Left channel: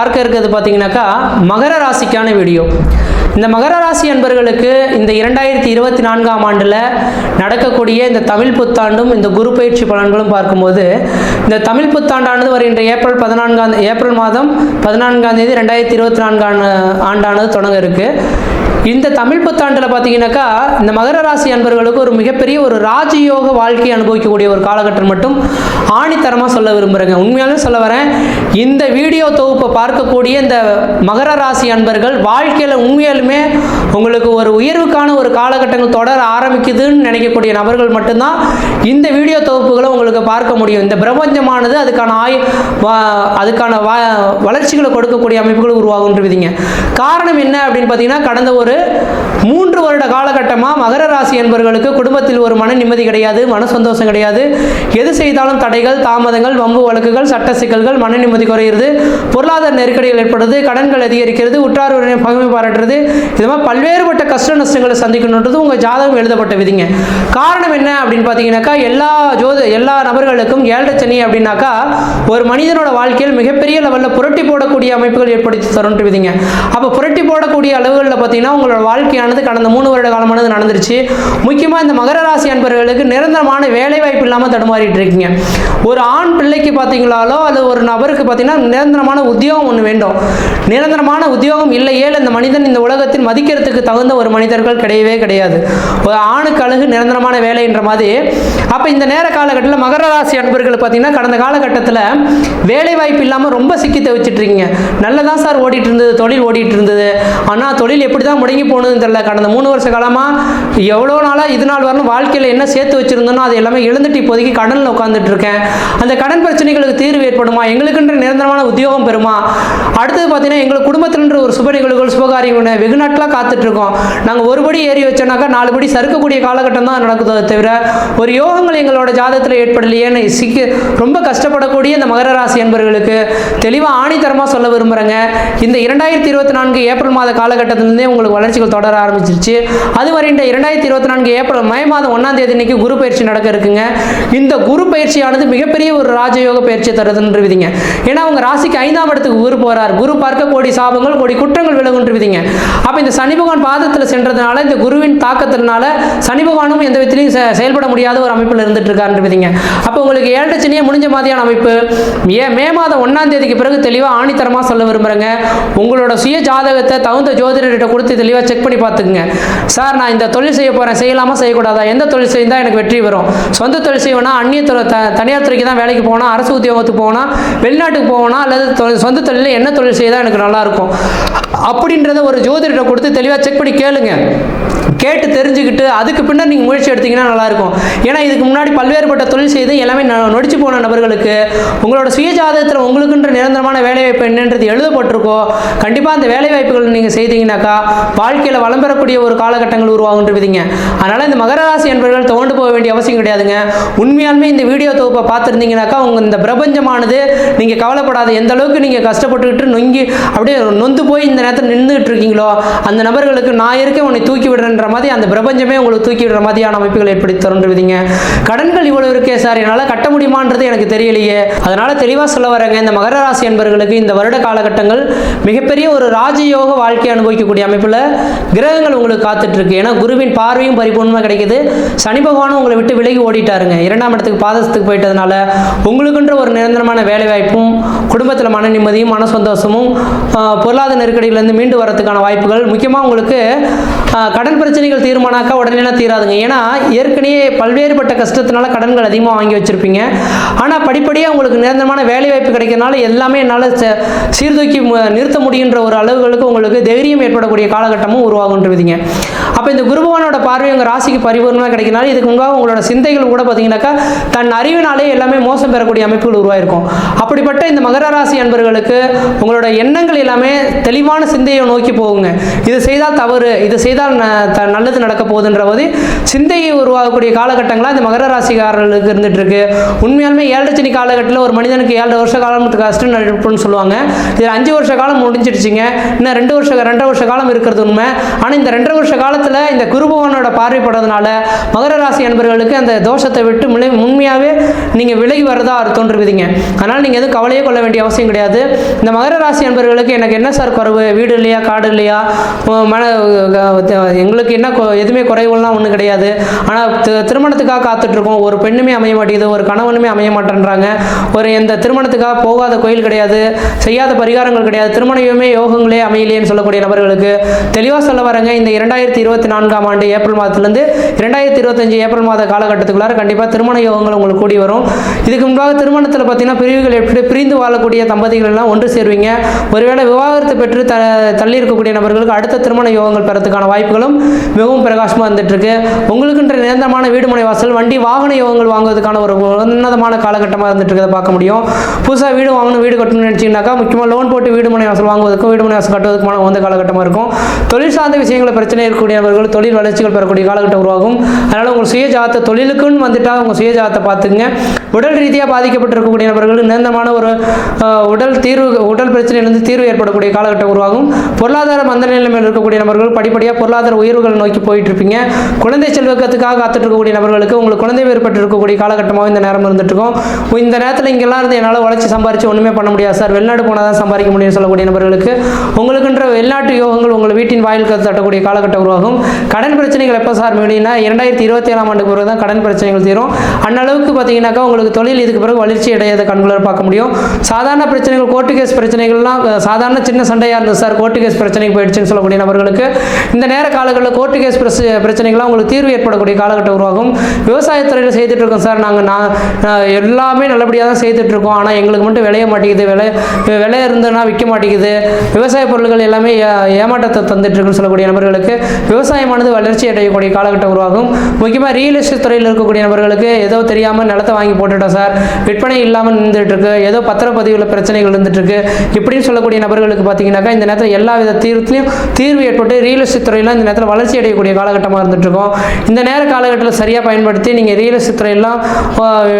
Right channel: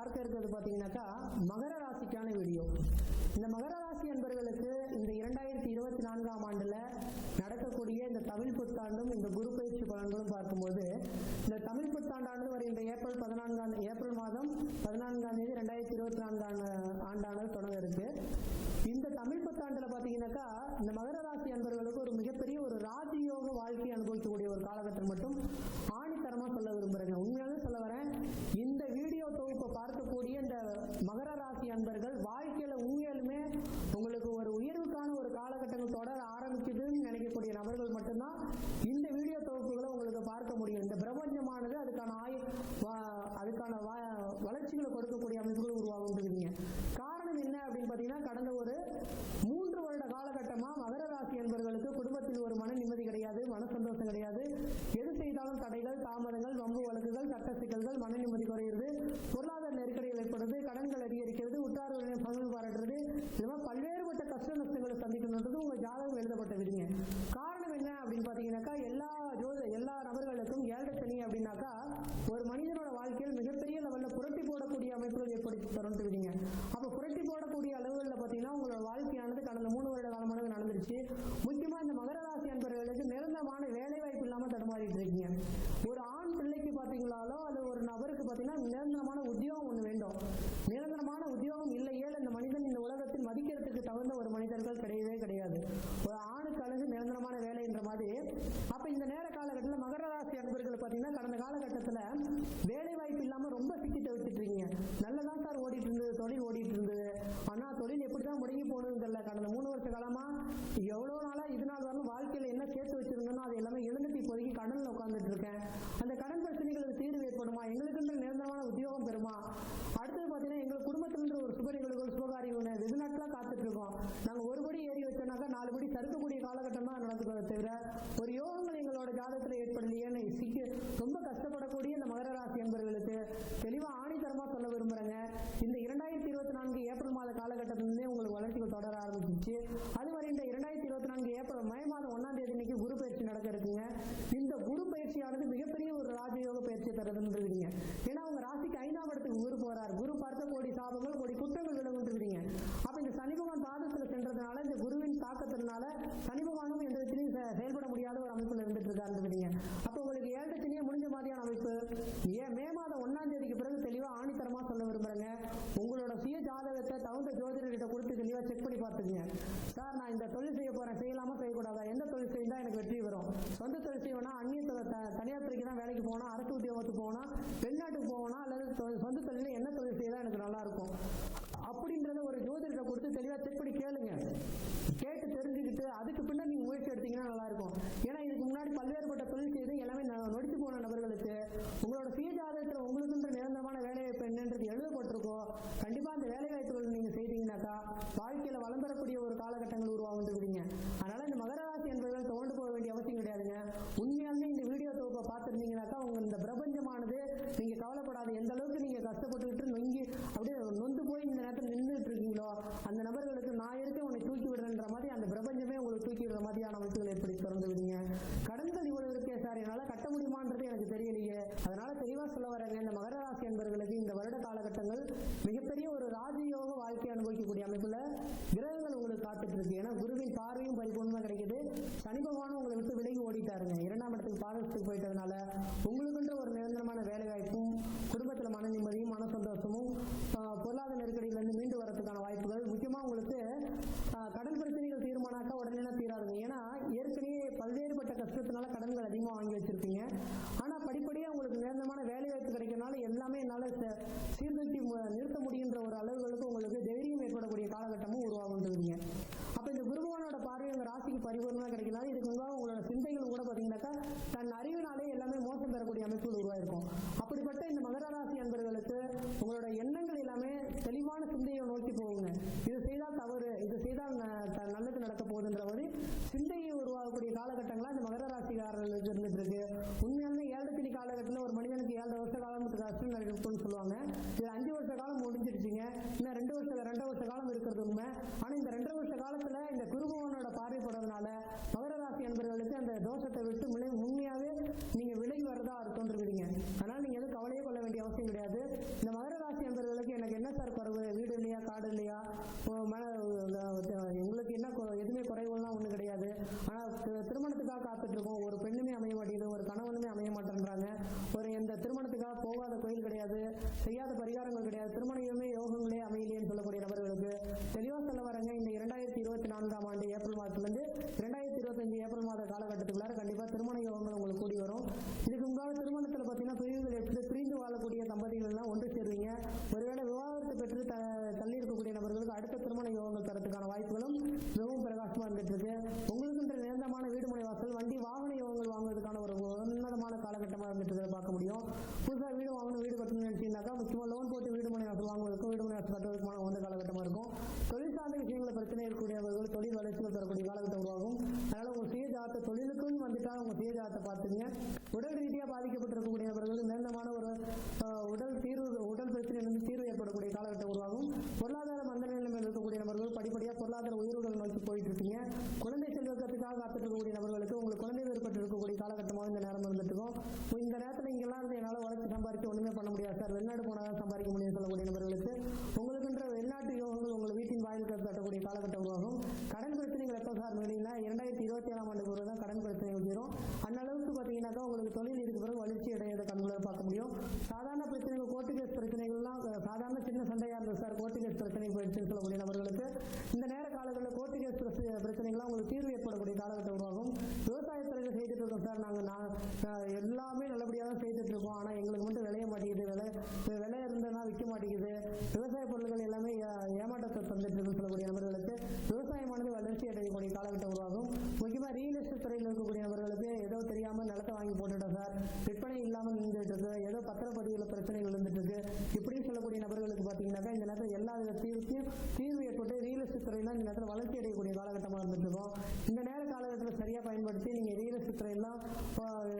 பார்க்க இருக்கிறது பார்த்தீங்கன்னாக்கா மகர ராசிக்கான வீடியோ. இந்த மகர ராசி அன்பர்களுக்கு இந்த 2024ஆம் ஆண்டில் நடக்கக்கூடிய இந்த தமிழ் புத்தாண்டும் இந்த குரு பயிற்சி பலன்களும் பார்க்கும்போது, இந்த தமிழ் புத்தாண்டானது வருகின்ற ஏப்ரல் மாதம் 14ஆம் தேதி 2024 ஆண்டானது தொடங்க இருக்கு. இந்த தமிழ் புத்தாண்டில் பார்த்தீங்கன்னாக்கா இந்த மகர ராசி அன்பர்களுக்கு ஒரு மிகப்பெரிய ஒரு ராஜயோக வாழ்க்கையை அனுபவிக்கக்கூடிய ஒரு காலகட்டம் மட்டும் ஆணித்தரமாக சொல்ல விரும்புகிறேங்க. உண்மையாலுமே சொல்ல வரேன், இந்த வீடியோ தொகுப்பை பார்க்கக்கூடிய இந்த மகர ராசி அன்பர்கள் வாழ்க்கையில் உண்மையாலுமே உங்களுக்கு ஒரு உயர்வுக்கான ஒரு காலகட்டங்கள் தொடர ஆரம்பிக்குதுன்னு நினைக்கக்கூடிய நபர்கள் மட்டும்தான் இந்த வீடியோ தொகுப்புகளை உங்களுக்கு பார்க்க முடியும். இந்த பிரபஞ்சமானது அதுக்கான வளர்ச்சிகளை கொடுக்கக்கூடிய அமைப்புகள் உருவாகுன்றீங்க. காரணம் என்ன அப்படின்னு பார்த்தீங்கன்னா, கடந்த ஒரு 3 வருட காலகட்டமாக மகர ராசி என்பவர்களுக்கு குடும்பத்தில் ஒரு மன நிம்மதி கிடையாது, மன சந்தோஷம் கிடையாது. எது செய்தாலும் தடைகள், தாமதங்கள், வம்பு வழக்குகள், சட்ட சிக்கல்கள், மன நிம்மதி குறையிறது, பொருளாதார நெருக்கடிகள் ஏற்படுறது, கடன்கள் அதிகரிக்கிறது, உற்றார் பகைமை பாராட்டுறது, இது மாதிரி பல்வேறுபட்ட கஷ்ட நஷ்டங்களை சந்திக்கணுன்றது உங்கள் ஜாதகம் எழுதப்பட்ட விதிங்க. காரணம் என்ன அப்படின்னு பார்த்தீங்கன்னாக்கா, எல்லா நபர்களுக்கும் 7 சனி அப்படின்னாக்கா ஒரு மனிதனோட வாழ்க்கையில் மிகப்பெரிய லெவலில் புரட்டி போடக்கூடிய அமைப்புகள் ஏற்படுத்தி தரும்ன்ற விதிங்க. அப்போ புரட்டி போடக்கூடிய அளவுகளில் பார்த்தீங்கன்னா உங்களோட வாழ்க்கையானது கடந்த 3 வருட காலமானது நடந்துருச்சு. முக்கியமாக இந்த மகர ராசி அன்பர்களுக்கு நிரந்தரமான வேலை வாய்ப்பு இல்லாமல் தடுமாறிட்டு இருக்கீங்க. ஒரு ஆண் பிள்ளைக்கு பார்த்தீங்களாலோ அல்லது ஒரு நபருக்கு பார்த்தீங்கன்னா நிரந்தரமான உத்தியோகம் ஒன்று வேண்டும். நிரந்தரமான உத்தியோகம் இல்லையே இந்த மனிதன் இந்த உலகத்தில் மதிக்கிறதுக்கு தகுந்த ஒரு மனிதர்கள் கிடையவே கிடையாது. ஒரு ஆணுக்கு அழகு நிரந்தரமான வேலை என்ற மாதிரி. அப்போ இந்த நேர காலகட்டத்தில் மகர ராசி அன்பர்கள் பார்த்தீங்கன்னா கடந்த காலகட்டத்தில் வேலை வாய்ப்பு இல்லாமல் ரொம்ப சிக்கி தவிச்சிட்டு இருக்கீங்க. நல்லதான் சார் ஓடிட்டு இருந்தது, தொழில் ஓடிட்டு இருந்தது, ஆனால் தொழில் எப்படி தான் முடங்கி போனதுன்னு தெரியல. கடந்த 3 வருஷ காலமாக எவ்வளோ நாளாக இது நாள் வரணும் வாழ்க்கையில் என்ன சேர்த்து வச்சிருந்தோனோ அது எல்லாமே இழந்துட்டு இப்போதைக்கு கடனில் உட்காந்துட்டு இருக்கேன். அந்த கடன் பிரச்சனைகளுக்கு தீர்வு ஏற்படுமா, எங்களுக்குன்ற நிரந்தரமான உத்தியோகம் பெறுமா, அடுத்தது பார்த்தீங்கன்னா எங்களுக்கு குடும்பத்தில்ன்ற ஒரு சுப நிகழ்வுகள் சுபகாரியங்கள் வெகு நாட்களாக காத்துட்டு இருக்கோம். நாங்கள் ஒரு படி ஏறி வச்சோன்னாக்கா 4 படி சறுக்கக்கூடிய காலகட்டம் தான் நடக்குதோ தவிர ஒரு யோகங்கள் எங்களோட ஜாதகத்தில் ஏற்படலையேன்னு ரொம்ப கஷ்டப்படக்கூடிய இந்த மகர ராசி என்பவர்களுக்கு தெளிவாக ஆணித்தரமாக சொல்ல விரும்புகிறேங்க. இந்த 2024 ஏப்ரல் மாத காலகட்டத்திலிருந்தே உங்களுக்கு வளர்ச்சிகள் தொடர ஆரம்பிச்சிருச்சு. அது வரைந்த 2024 மே மாதம் 1ஆம் தேதி இன்னைக்கு குரு பயிற்சி நடக்க இருக்குங்க. இந்த குரு பயிற்சியானது மிகப்பெரிய ஒரு ராஜயோக பயிற்சி தருதுன்னு விதிங்க. ஏன்னா உங்க ராசிக்கு 5ஆம் இடத்துக்கு குரு போறார். குரு பார்க்க கோடி சாபங்கள் கோடி குற்றங்கள் விலகுன்று விதிங்க. அப்ப இந்த சனி பகவான் பாதத்தில் சென்றதுனால இந்த குருவின் தாக்கத்தினால சனி பகவானும் எந்த விதத்திலையும் செயல்பட முடியாத ஒரு அமைப்பில் இருந்துட்டு இருக்காரு விதிங்க. அப்போ உங்களுக்கு 7 சனியே முடிஞ்ச மாதிரியான அமைப்பு. மே மாதம் 1ஆம் தேதிக்கு பிறகு தெளிவாக ஆணித்தரமாக சொல்ல விரும்புகிறேங்க. உங்களோட சுய ஜாதகத்தை தகுந்த ஜோதிடர்கிட்ட கொடுத்து தெளிவாக செக் பண்ணி பார்த்துக்குங்க. சார் நான் இந்த தொழில் செய்ய போகிறேன், செய்யலாமா செய்யக்கூடாதா, எந்த தொழில் செய்தால் எனக்கு வெற்றி வரும், சொந்த தொழில் செய்வேனா, அந்நிய தனியார் துறைக்கு தான் வேலைக்கு போனால், அரசு உத்தியோகத்துக்கு போனால், வெளிநாட்டுக்கு போகணும், அல்லது சொந்த தொழிலில் என்ன தொழில் செய்தால் எனக்கு நல்லாயிருக்கும் அப்படின்றத ஒரு ஜோதிடர்கிட்ட கொடுத்து தெளிவாக செக் பண்ணி கேளுங்க. கேட்டு தெரிஞ்சுக்கிட்டு அதுக்கு பின்னர் நீங்கள் முயற்சி எடுத்தீங்கன்னா நல்லாயிருக்கும். ஏன்னா இதுக்கு முன்னாடி பல்வேறுபட்ட தொழில் செய்து எல்லாமே நொடிச்சு போன நபர்களுக்கு உங்களோட சுய ஜாதகத்தில் உங்களுக்குன்ற நிரந்தரமான வேலைவாய்ப்பு என்னன்றது எழுதப்பட்டிருக்கோ, கண்டிப்பாக அந்த வேலைவாய்ப்புகள் நீங்கள் செய்தீங்கன்னாக்கா வாழ்க்கையில் வளம் பெறக்கூடிய ஒரு காலகட்டங்கள் உருவாகுன்ற விதிங்க. அதனால் இந்த மகர ராசி என்பவர்கள் தோண்டு போக வேண்டிய அவசியம் கிடையாதுங்க. உண்மையாலுமே இந்த வீடியோ தொகுப்பை பார்த்துருந்தீங்கன்னாக்கா உங்கள் இந்த பிரபஞ்சமானது நீங்கள் கவலைப்படாத எந்த அளவுக்கு நீங்கள் கஷ்டப்பட்டுக்கிட்டு அப்படியே நொந்து போய் இந்த நேரத்தில் நின்றுட்டு இருக்கீங்களோ அந்த நபர்களுக்கு நான் இருக்க உன்னை தூக்கி விடுறேன்ற மாதிரி அந்த பிரபஞ்சமே உங்களுக்கு தூக்கி விடுற மாதிரியான அமைப்புகள் ஏற்படுத்தி தருன்றீங்க. கடன்கள் இவ்வளவு இருக்கே சார், என்னால் கட்ட முடியுமான்றது எனக்கு தெரியலையே. அதனால தெளிவாக சொல்ல வரேங்க, இந்த மகர ராசி என்பவர்களுக்கு இந்த வருட காலகட்டங்கள் மிகப்பெரிய ஒரு ராஜயோக வாழ்க்கை அனுபவிக்கக்கூடிய அமைப்பில் கிரகங்கள் உங்களுக்கு காத்துட்டு இருக்கு. ஏன்னா குருவின் பார்வையும் பரிபூர்ணமாக கிடைக்குது. சனி பகவானும் உங்களை விட்டு விலகி ஓடிட்டாருங்க. 2ஆம் இடத்துக்கு பாதத்துக்கு போயிட்டதுனால உங்களுக்குன்ற ஒரு நிரந்தரமான வேலை வாய்ப்பும் குடும்பத்தில் மன நிம்மதியும் மன சந்தோஷமும் பொருளாதார நெருக்கடியிலிருந்து மீண்டு வரதுக்கான வாய்ப்புகள். முக்கியமாக உங்களுக்கு கடன் பிரச்சனைகள் தீர்மானாக்கா உடனே தீராதுங்க. ஏன்னா ஏற்கனவே பல்வேறுபட்ட கஷ்டத்தினால கடன்கள் அதிகமாக வாங்கி வச்சிருப்பீங்க. ஆனால் படிப்படியாக உங்களுக்கு நிரந்தரமான வேலை வாய்ப்பு கிடைக்கிறதுனால எல்லாமே என்னால் சீர்தூக்கி நிறுத்த முடிகின்ற ஒரு அளவுகளுக்கு உங்களுக்கு தைரியம் ஏற்படக்கூடிய காலகட்டமும் உருவாகுன்றதுங்க. அப்போ இந்த குருபகவானோட பார்வை உங்கள் ராசிக்கு பரிபூர்ணமாக கிடைக்கிறனால இதுக்கு முன்பாக உங்களோட சிந்தைகள் கூட பார்த்தீங்கன்னாக்கா தன் அறிவினாலே எல்லாமே மோசம் பெறக்கூடிய அமைப்புகள் உருவாயிருக்கும். அப்படிப்பட்ட இந்த மகர ராசி அன்பர்களுக்கு உங்களோட எண்ணங்கள் எல்லாமே தெளிவான சிந்தையை நோக்கி போகுங்க. இது செய்தால் தவறு, இது செய்தால் நல்லது நடக்க போகுதுன்ற போது சிந்தையை உருவாகக்கூடிய காலகட்டங்களாக இந்த மகர ராசிக்காரர்களுக்கு இருந்துட்டு இருக்கு. உண்மையாலுமே 7 சனி காலகட்டத்தில் ஒரு மனிதனுக்கு 7 வருஷ காலம் கஷ்டம் நடப்புன்னு சொல்லுவாங்க. இதில் 5 வருஷ காலம் முடிஞ்சிடுச்சிங்க. இன்னும் 2 வருஷ காலம் இருக்கிறது உண்மை. ஆனால் இந்த 2 வருஷ காலத்தில் இந்த குரு பகவானோட பார்வைப்படுறதுனால மகர ராசி அன்பர்களுக்கு அந்த தோஷத்தை விட்டு உண்மையாகவே நீங்கள் விலகி வரதா தோன்றுவீங்க. அதனால் நீங்கள் எதுவும் கவலையே கொள்ள வேண்டிய அவசியம் கிடையாது. இந்த மகர ராசி அன்பர்களுக்கு எனக்கு என்ன சார் குறைவு, வீடு இல்லையா, காடு இல்லையா, எங்களுக்கு என்ன எதுவுமே குறைவுலாம் ஒன்றும் கிடையாது. ஆனால் திருமணத்துக்காக காத்துட்ருக்கோம், ஒரு பெண்ணுமே அமைய மாட்டேங்குது, ஒரு கணவனுமே அமைய மாட்டேன்றாங்க, ஒரு எந்த திருமணத்துக்காக போகாத கோயில் கிடையாது, செய்யாத பரிகாரங்கள் கிடையாது, திருமணமே யோகங்களே அமையலையேன்னு சொல்லக்கூடிய நபர்களுக்கு தெளிவாக சொல்ல வரங்க. இந்த 2024ஆம் ஆண்டு ஏப்ரல் மாதத்துலேருந்து 2025 ஏப்ரல் மாத காலகட்டத்துக்குள்ளார கண்டிப்பாக திருமண யோகங்கள் உங்களுக்கு கூடி வரும். இதுக்கு முன்பாக திருமணத்தில் பார்த்தீங்கன்னா பிரிவுகள் எப்படி பிரிந்து வாழக்கூடிய தம்பதிகள் எல்லாம் ஒன்று சேருவீங்க. ஒருவேளை விவாகரத்து பெற்று தள்ளி இருக்கக்கூடிய நபர்களுக்கு அடுத்த திருமண யோகங்கள் பெறத்துக்கான வாய்ப்புகளும் மிகவும் பிரகாசமாக இருந்துட்டு இருக்கு. உங்களுக்குன்ற நிரந்தரமான வீடுமனை வாசல், வண்டி, வாகன யோகங்கள் வாங்குவதற்கான ஒரு உன்னதமான காலகட்டமாக இருந்துட்டு இருக்கிறத பார்க்க முடியும். புதுசாக வீடு வாங்கணும், வீடு கட்டணும்னு நினச்சிங்கனாக்கா முக்கியமாக லோன் போட்டு வீடுமனை வாசல் வாங்குவதற்கும் வீடுமனை வாசல் கட்டுவதற்குமான உந்த காலகட்டமாக இருக்கும். தொழில் சார்ந்த விஷயங்களை பிரச்சனை இருக்கக்கூடியவர்கள் தொழில் வளர்ச்சிகள் பெறக்கூடிய காலகட்டம் உருவாகும். அதனால் உங்கள் சுய ஜாதத்தை தொழிலுக்குன்னு வந்துட்டால் உங்கள் சுய ஜாதத்தை பார்த்துங்க. உடல் ரீதியாக பாதிக்கப்பட்டிருக்கக்கூடிய நபர்கள் நிரந்தரமான ஒரு உடல் பிரச்சனையிலிருந்து தீர்வு ஏற்படக்கூடிய காலகட்டம் உருவாகும். பொருளாதார மந்த நிலைமையில் இருக்கக்கூடிய நபர்கள் படிப்படியாக பொருளாதார உயர்வுகள் நோக்கி போயிட்டு இருப்பீங்க. குழந்தை செல்வக்கத்துக்காக காத்துட்டு இருக்கக்கூடிய நபர்களுக்கு உங்களுக்கு குழந்தை ஏற்பட்டு இருக்கக்கூடிய காலகட்டமாக இந்த நேரம் இருந்துட்டு இருக்கும். இந்த நேரத்தில் இங்கெல்லாம் இருந்து என்னால் உழைச்சி சம்பாரிச்சு ஒன்றுமே பண்ண முடியாது சார், வெளிநாடு போனால் தான் சம்பாதிக்க முடியும்னு சொல்லக்கூடிய நபர்களுக்கு உங்களுக்குன்ற வெளிநாட்டு யோகங்கள் உங்கள் வீட்டின் வாயில் தட்டக்கூடிய காலகட்டம் உருவாகும். கடன் பிரச்சனைகள் எப்போ சார் மீடினா 2027ஆம் ஆண்டுக்கு பிறகு தான் கடன் பிரச்சனைகள் தீரும். அந்தளவுக்கு பார்த்தீங்கன்னாக்கா உங்களுக்கு தொழில் இதுக்கு பிறகு வளர்ச்சி அடையாத கண்களால் பார்க்க முடியும். சாதாரண பிரச்சனைகள், கோர்ட்டு கேஸ் பிரச்சனைகள்லாம் சாதாரண சின்ன சண்டையாக இருந்தது சார், கோர்ட்டு கேஸ் பிரச்சனைக்கு போயிடுச்சுன்னு சொல்லக்கூடிய நபர்களுக்கு இந்த நேர காலங்களில் கோர்ட்டு கேஸ் பிரச்சனைகள்லாம் உங்களுக்கு தீர்வு ஏற்படக்கூடிய காலகட்டம் உருவாகும். விவசாயத்துறையில் செய்துட்டு இருக்கோம் சார், நாங்கள் எல்லாமே நல்லபடியாக தான் செய்துட்டு இருக்கோம், ஆனால் எங்களுக்கு மட்டும் விளைய மாட்டேங்குது, விலை இருந்ததுன்னா விற்க மாட்டேங்குது, விவசாய பொருட்கள் எல்லாமே ஏமாற்றத்தை தந்துட்டு இருக்குன்னு சொல்லக்கூடிய நபர்களுக்கு விவசாயமானது வளர்ச்சி அடையக்கூடிய காலகட்டம் உருவாகும். முக்கியமாக ரியல் எஸ்டேட் துறையில் இருக்கக்கூடிய நபர்களுக்கு ஏதோ தெரியாமல் நிலத்தை வாங்கி போட்டுட்டோம் சார், விற்பனை இல்லாமல் இருந்துட்டு இருக்கு, ஏதோ பத்திரப்பதிவுல பிரச்சனைகள் இருந்துட்டு இருக்கு இப்படின்னு சொல்லக்கூடிய நபர்களுக்கு பார்த்தீங்கன்னாக்கா இந்த நேரத்தில் எல்லா வித தீர்வு ஏற்பட்டு ரியல் எஸ்டேட் துறையெல்லாம் இந்த நேரத்தில் வளர்ச்சி அடையக்கூடிய காலகட்டமாக இருந்துட்டு இருக்கும். இந்த நேர காலகட்டத்தில் சரியாக பயன்படுத்தி நீங்கள் ரியல் எஸ்டேட் துறையெல்லாம்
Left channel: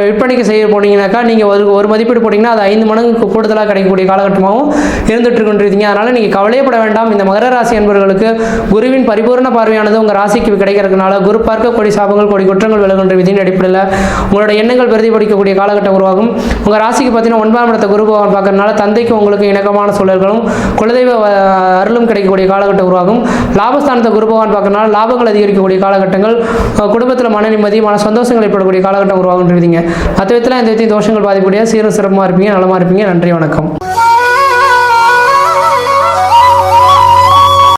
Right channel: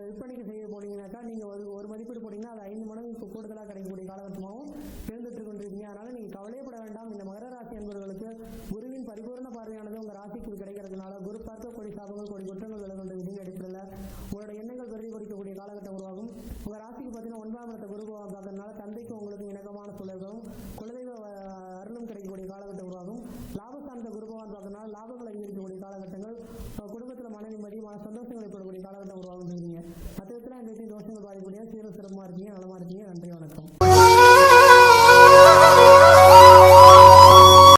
விற்பனைக்கு செய்ய போனீங்கன்னாக்கா நீங்கள் ஒரு மதிப்பீடு போட்டிங்கன்னா அது 5 மடங்கு கூடுதலாக கிடைக்கக்கூடிய காலகட்டமாகவும் இருந்துட்டு இருக்குன்றீங்க. அதனால் நீங்கள் கவலையப்பட வேண்டாம். இந்த மகர ராசி என்பவர்களுக்கு குருவின் பரிபூர்ண பார்வையானது உங்கள் ராசிக்கு கிடைக்கிறதுனால குரு பார்க்க கொடி சாபங்கள் கொடி குற்றங்கள் விலகுன்ற விதியின் அடிப்படையில் உங்களோட எண்ணங்கள் பிரதிபலிக்கக்கூடிய காலகட்டம் உருவாகும். உங்கள் ராசிக்கு பார்த்தீங்கன்னா 9ஆம் இடத்தை குரு பகவான் பார்க்கறதுனால தந்தைக்கு உங்களுக்கு இணக்கமான சூழல்களும் குலதெய்வ அருளும் கிடைக்கக்கூடிய காலகட்டம் உருவாகும். லாபஸ்தானத்தை குரு பகவான் பார்க்கறதுனால லாபங்கள் அதிகரிக்கக்கூடிய காலகட்டங்கள், குடும்பத்தில் மன நிம்மதி, மன சந்தோஷங்கள் ஏற்படக்கூடிய காலகட்டம் உருவாகுன்றீங்க. மற்ற விதத்தில் இந்த தோஷங்கள் பாதிக்கக்கூடிய சீரும் சிறப்பாக இருப்பீங்க, நலமாக இருப்பீங்க. நன்றி, வணக்கம்.